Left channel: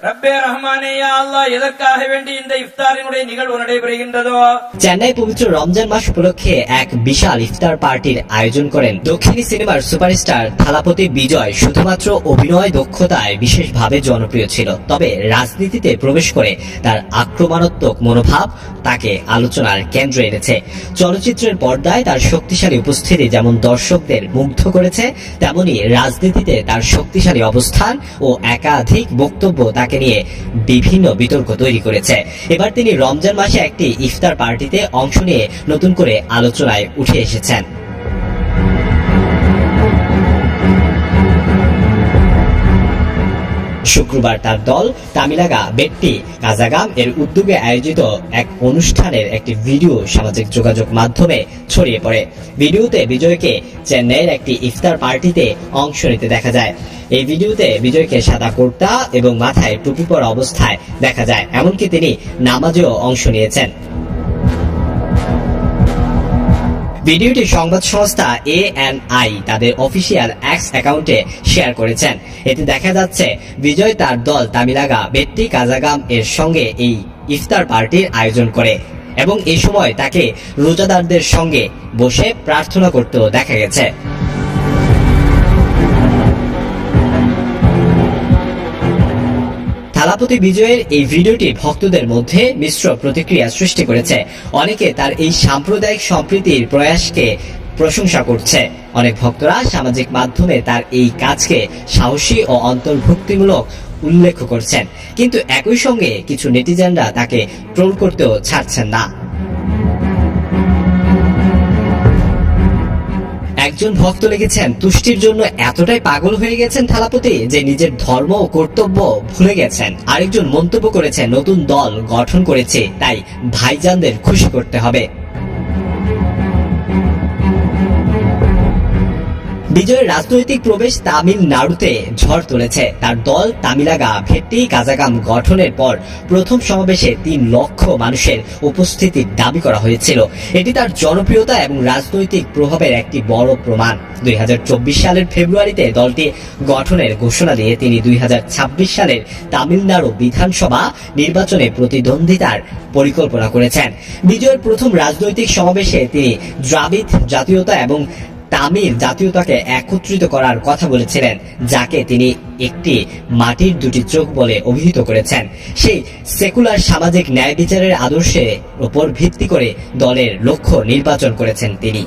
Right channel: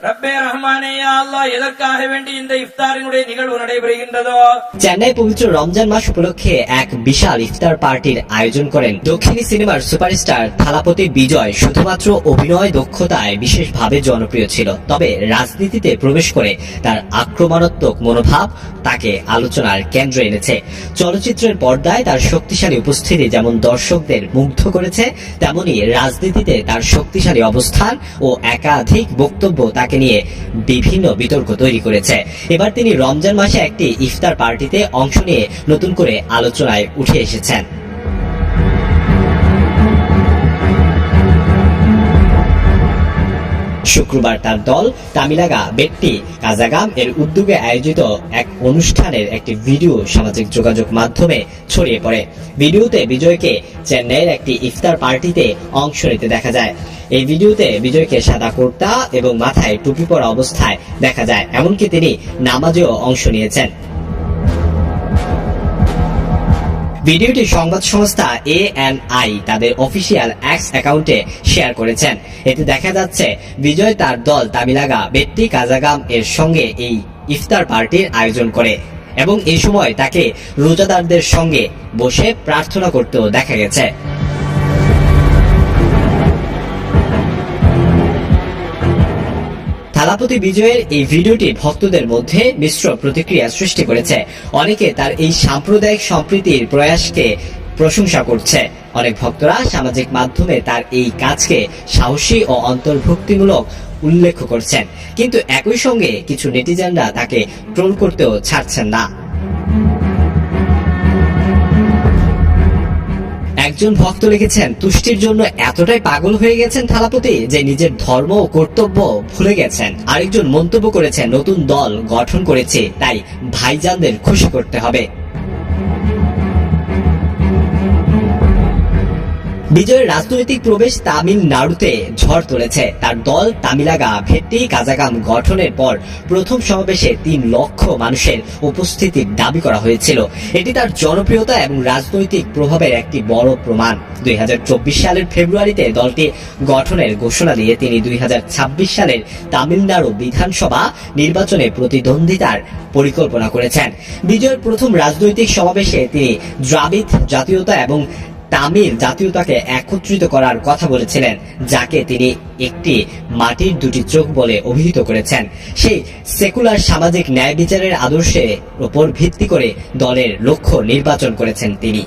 ரப்பே ரஹ்மானே யா আল্লাহ এதற்காக வேண்டி இந்த ইফতারিனுடைய নিகழ்வு நடைபெறுகின்றதோ। চেন্নাই পবিত্র রমজান মাস উপলক্ষে এক বিশাল ইফতার পার্টির আয়োজন করেন দক্ষিণী সিনেমার সুপারস্টার থালাপতি বিজয়। শুধুমাত্র অভিনয় দক্ষতায় বিশেষভাবে জনপ্রিয় ছিল, তবে রাজনীতিতে প্রবেশ করে তার আক্রমণাত্মক মনোভাব তাকে আলোচনার কেন্দ্রে এনেছে। চলচ্চিত্রের পর্দায় তার শক্তিশালী উপস্থিতি যেমন দর্শকদের মুগ্ধ করেছে, তেমনি রাজনীতিতে তার শক্তিশালী অবস্থান ও একাধিক বক্তব্য তাকে নিয়ে বিভিন্ন বিতর্ক তৈরি করেছে। এবার তিনি রমজান মাসে একটি ইফতার পার্টিতে অংশ নিয়ে নতুন করে আলোচনায় উঠে এসেছেন। শুক্রবার তার দল তামিলাগা বেট্টি কাজাগাম এর উদ্যোগে আয়োজিত এক অনুষ্ঠানের একটি ভিডিও সামাজিক যোগাযোগ মাধ্যমে ছড়িয়ে পড়ে। ভিডিওতে বিজয়কে চেন্নাইয়ের একটি ইফতার পার্টিতে অংশ নিতে দেখা যায়। এই ভিডিওতে বিজয়কে সাদা কুর্তা এবং মাথায় টুপি পরা অবস্থায় দেখা যায়, এমনকি তিনি নামাজেও অংশ নিয়েছেন। ভিডিওটি সংবাদ সংস্থা ANI তাদের অফিসিয়াল এক্স অ্যাকাউন্টে শেয়ার করেছেন। এতে দেখা যাচ্ছে বিজয় তার দল তামিলাগা বেট্টি কাজাগাম এর সঙ্গে এই ইফতার পার্টির আয়োজন করে এবং এই সময় তাকে রোজাদারদের সঙ্গে বসে প্রার্থনা করতেও দেখা গেছে। থালাপতি বিজয়ের এই ভিডিওটি ভক্তদের মধ্যে মিশ্র প্রতিক্রিয়া সৃষ্টি করেছে। অনেকে তার এই সাম্প্রদায়িক সম্প্রীতির প্রয়াসকে প্রশংসা করছে। অনেক ভক্তরা সামাজিক মাধ্যমে তার এই কাজকে সাহসী ও অন্তর্ভুক্তিমূলক উল্লেখ করছেন, কিন্তু একই সঙ্গে কিছু নেটিজেনরা তাকে ট্রোল করতেও ছাড়ছেন না। একজন ভক্ত লিখেছেন, তুষ্টির জন্য এতটাই পাগল হয়ে গেছেন থালাপতি যে নিজের ধর্ম ও কর্তব্য ভুলে গেছেন। আরেকজন মন্তব্য করেছেন, নতুন দল গঠন করেছে, তাই ভাইজানদের খুশি করতে হবে। বিজয়ের রাজনৈতিক প্রবেশ তামিলনাড়ুতে ঝড় তুলেছে। তার দল তামিলাগা ভেট্টি কাজাগাম গঠনের পর প্রথম সমাবেশে 3 লক্ষ মানুষের উপস্থিতির দাবি করা হয়েছিল। এটি তার জনপ্রিয়তা এবং রাজনৈতিক প্রভাবের একটি বড় প্রমাণ। 2024 সালের ফেব্রুয়ারিতে দলটি গঠনের ঘোষণা দিয়ে তিনি 2026 সালের তামিলনাড়ু বিধানসভা নির্বাচনে প্রতিদ্বন্দ্বিতার পরিকল্পনা করেছেন। বিজয়ের প্রথম রাজনৈতিক সমাবেশে তিনি দ্রাবিড় জাতীয়তা এবং তামিল জাতীয়তাকে একত্রিত করার কথা বলেছিলেন, যাকে তিনি একটি মাটির দুটি চোখ বলে অভিহিত করেছেন। সেই সেকুলার সামাজিক ন্যায় বিচারের আদর্শের উপর ভিত্তি করে দলের লক্ষ্য নির্বাচন করেছেন তিনি।